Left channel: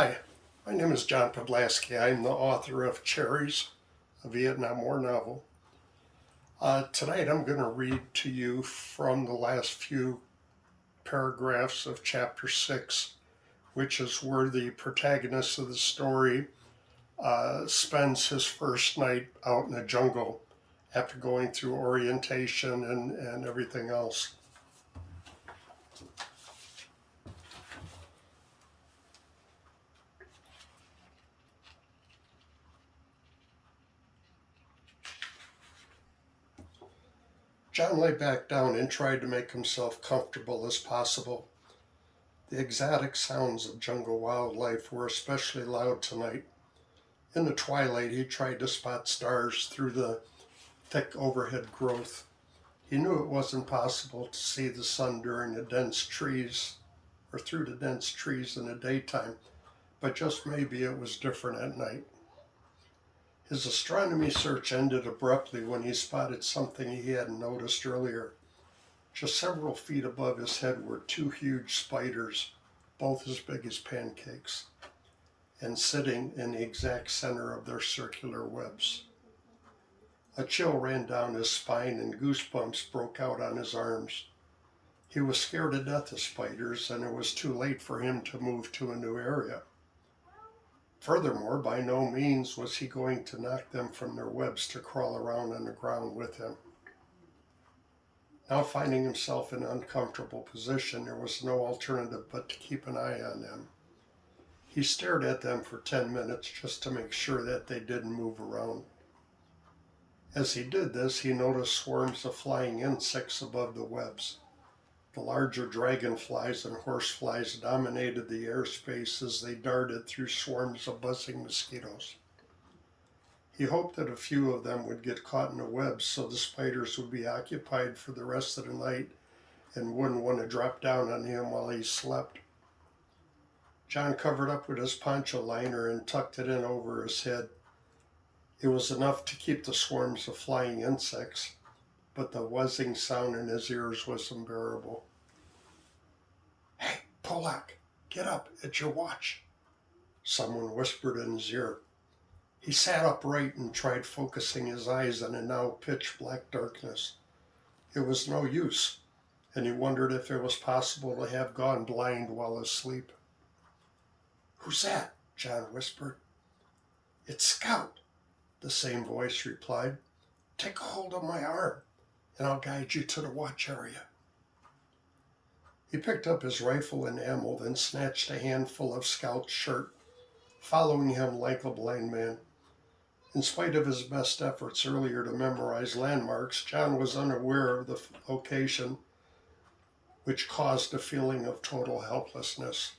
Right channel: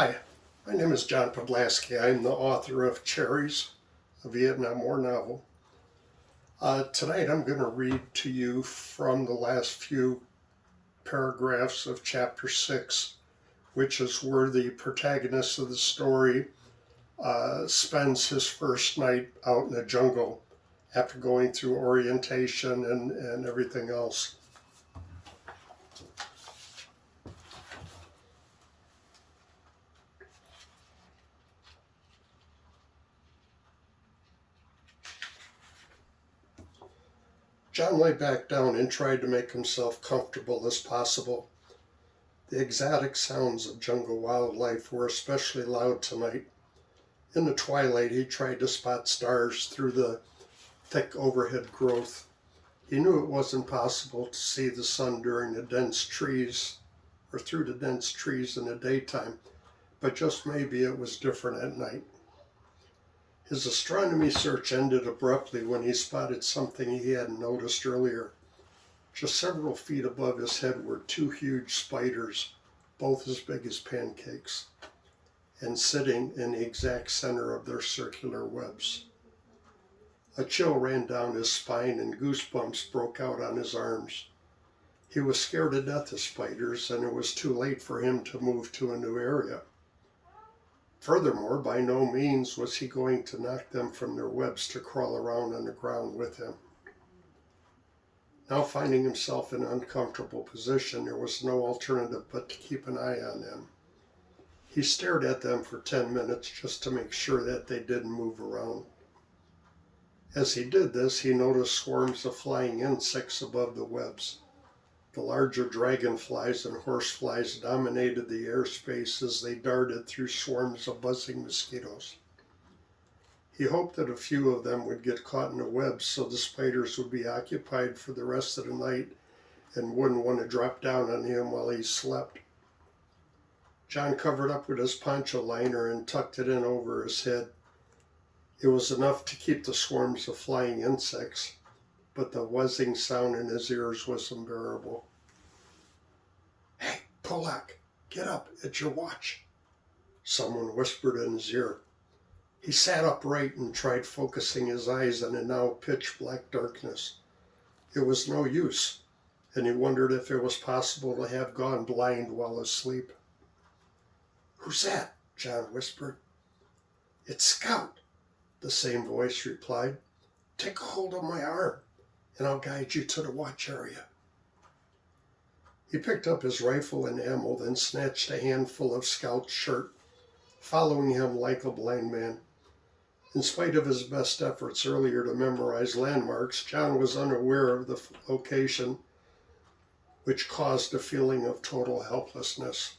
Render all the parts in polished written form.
Hi, my name is John Polack. I'm the author of Cherries, a Vietnam War novel. Tonight I'm going to read to you from the last few paragraphs of chapter 6, which is where the protagonist of the story spends his first night out in the jungle after going through orientation and everything else. John lay back down and tried to make himself comfortable as possible. The exotic sounds of jungle wildlife were especially loud tonight. In the twilight, he tried to spot stars through the thick overhead growth. He knew it wasn't possible to see the sun during the dense trees or through the dense trees in the daytime, but just maybe it was different at night. His astronomy search ended abruptly when he spotted something he hadn't noticed earlier. Just several feet above his head were two huge spiders, both as big as pancakes, and sitting in the exact center of their circular webs. A chill ran down his spine and goosebumps broke out on his arms. He was scared to death of spiders, and it was too late for him to move to a new area. Furthermore, by no means was he going to knock them from their webs to crawl around on the ground with him. Now finding himself in an uncomfortable position, there was no alternative but to keep an eye on them. He stared at them for 10 minutes just to make sure that they didn't move around. As he did this, he noticed swarms of flying insects above the webs. The larger dragonflies and horseflies dominated the airspace as they darted through swarms of buzzing mosquitoes. He hoped that a few of them would get caught in the webs so the spiders would be occupied for the rest of the night and wouldn't want to drop down on him while he slept. John covered up with his poncho liner and tucked it in over his head. It was enough to keep the swarms of flying insects, but the whizzing sound in his ears was unbearable. "Hey, Polack, get up, it's your watch," someone whispered in his ear. He sat upright and tried focusing his eyes on the now pitch-black darkness. It was no use, and he wondered if it was possible to have gone blind while asleep. "Who's that?" John whispered. "It's Scout," the same voice replied. "Take a hold of my arm, and I'll guide you to the watch area." He picked up his rifle and ammo, then snatched a handful of Scout's shirt, following him like a blind man. In spite of his best efforts earlier to memorize landmarks, John was unaware of the location, which caused a feeling of total helplessness.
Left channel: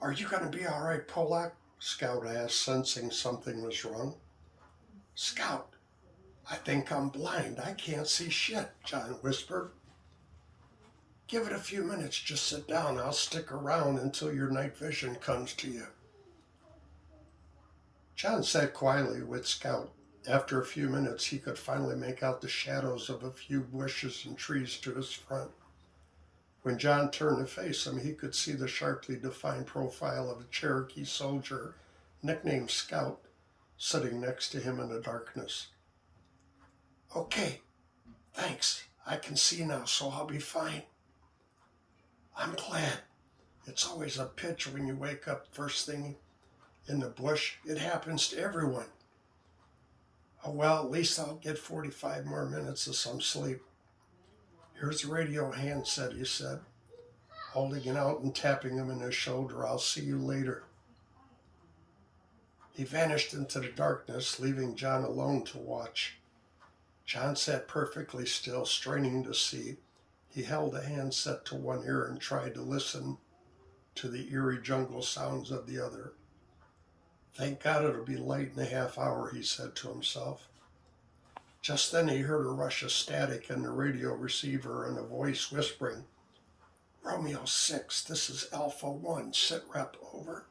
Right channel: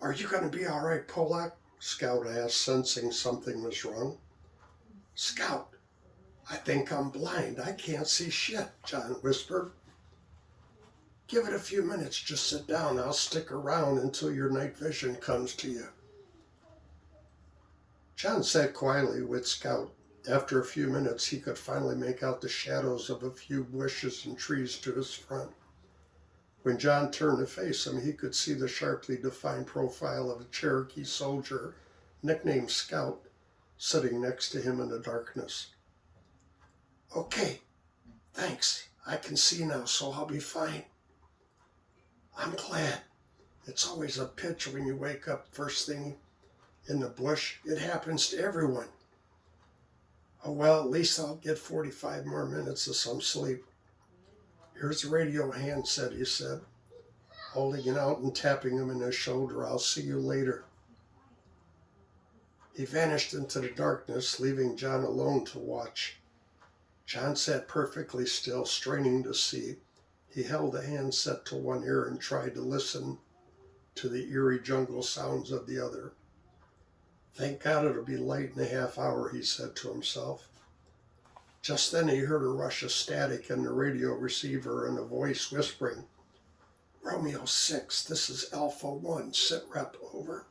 "Are you going to be all right, Polack?" Scout asked, sensing something was wrong. "Scout, I think I'm blind. I can't see shit," John whispered. "Give it a few minutes. Just sit down. I'll stick around until your night vision comes to you." John sat quietly with Scout. After a few minutes, he could finally make out the shadows of a few bushes and trees to his front. When John turned to face him, he could see the sharply defined profile of a Cherokee soldier, nicknamed Scout, sitting next to him in the darkness. "Okay, thanks. I can see now, so I'll be fine." "I'm glad. It's always a pitch when you wake up first thing in the bush. It happens to everyone." "Oh, well, at least I'll get 45 more minutes of some sleep." "Here's the radio handset," he said, holding it out and tapping him in the shoulder. "I'll see you later." He vanished into the darkness, leaving John alone to watch. John sat perfectly still, straining to see. He held the handset to one ear and tried to listen to the eerie jungle sounds of the other. "Thank God it'll be light in a half hour," he said to himself. Just then he heard a rush of static in the radio receiver and a voice whispering, "Romeo 6, this is Alpha 1, sit rep, over."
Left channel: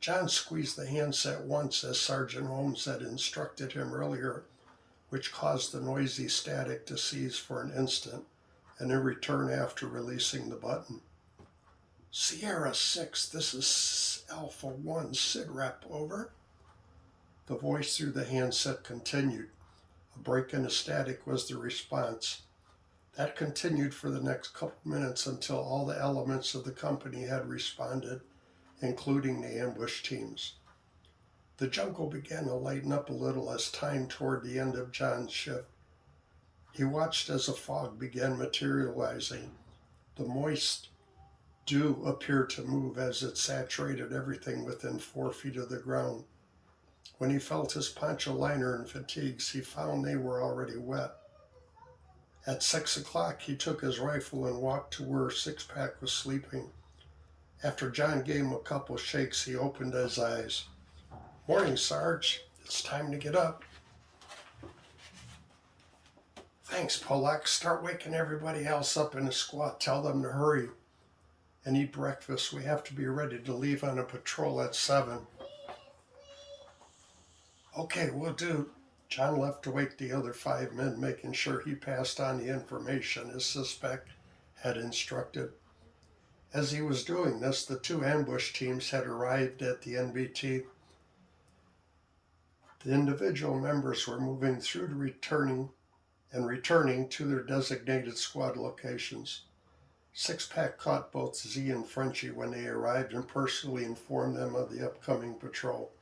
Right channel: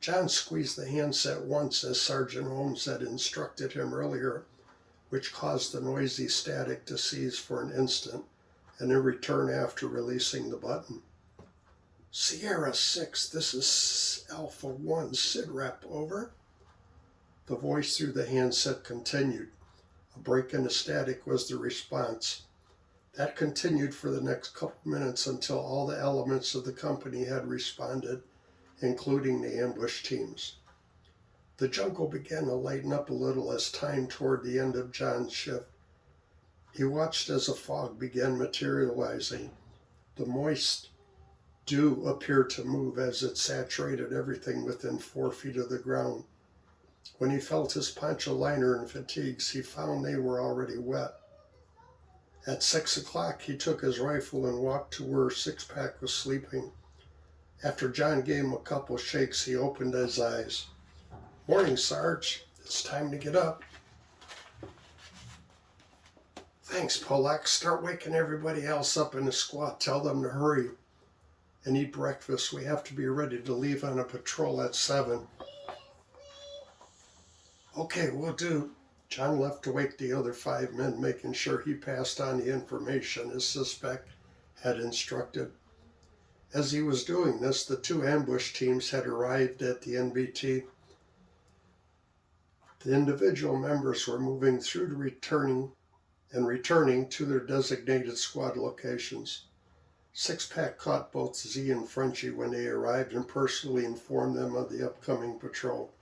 John squeezed the handset once as Sergeant Holmes had instructed him earlier, which caused the noisy static to cease for an instant and then return after releasing the button. Sierra 6, this is Alpha 1, SID-Rep, over. The voice through the handset continued. A break in the static was the response. That continued for the next couple minutes until all the elements of the company had responded, including the ambush teams. The jungle began to lighten up a little as time toward the end of John's shift. He watched as a fog began materializing. The moist dew appeared to move as it saturated everything within 4 feet of the ground. When he felt his poncho liner and fatigues, he found they were already wet. At 6 o'clock, he took his rifle and walked to where Six-Pack was sleeping. After John gave him a couple shakes, he opened his eyes. "Morning, Sarge. It's time to get up." "Thanks, Polack. Start waking everybody else up in the squad. Tell them to hurry and eat breakfast. We have to be ready to leave on a patrol at 7. "Okay, will do." John left to wake the other 5 men, making sure he passed on the information his suspect had instructed. As he was doing this, the 2 ambush teams had arrived at the NBT. The individual members were moving through to returning to their designated squad locations. Six-Pack caught both Z and Frenchie when they arrived and personally informed them of the upcoming patrol.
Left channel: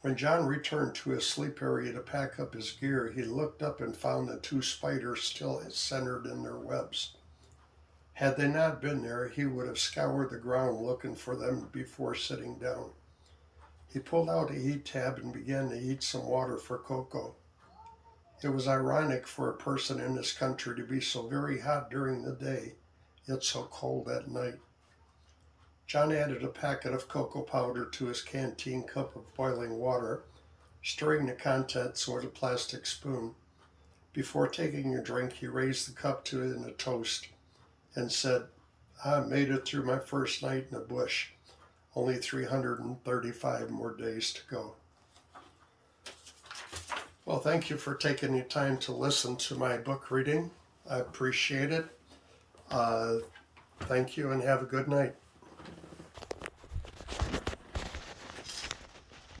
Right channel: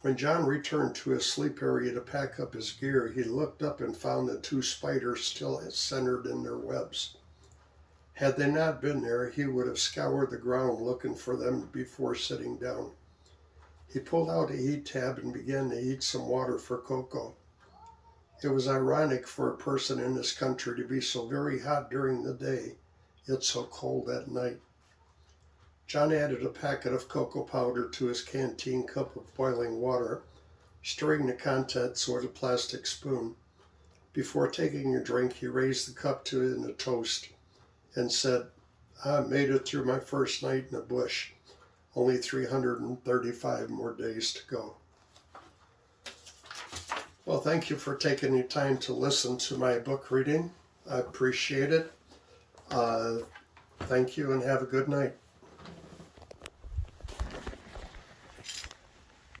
When John returned to his sleep area to pack up his gear, he looked up and found the 2 spiders still centered in their webs. Had they not been there, he would have scoured the ground looking for them before sitting down. He pulled out a heat tab and began to heat some water for Coco. It was ironic for a person in this country to be so very hot during the day, yet so cold at night. John added a packet of cocoa powder to his canteen cup of boiling water, stirring the contents with a plastic spoon. Before taking a drink, he raised the cup to it in a toast and said, "I made it through my first night in the bush. Only 335 more days to go." Well, thank you for taking the time to listen to my book reading. I appreciate it. Thank you and have a good night.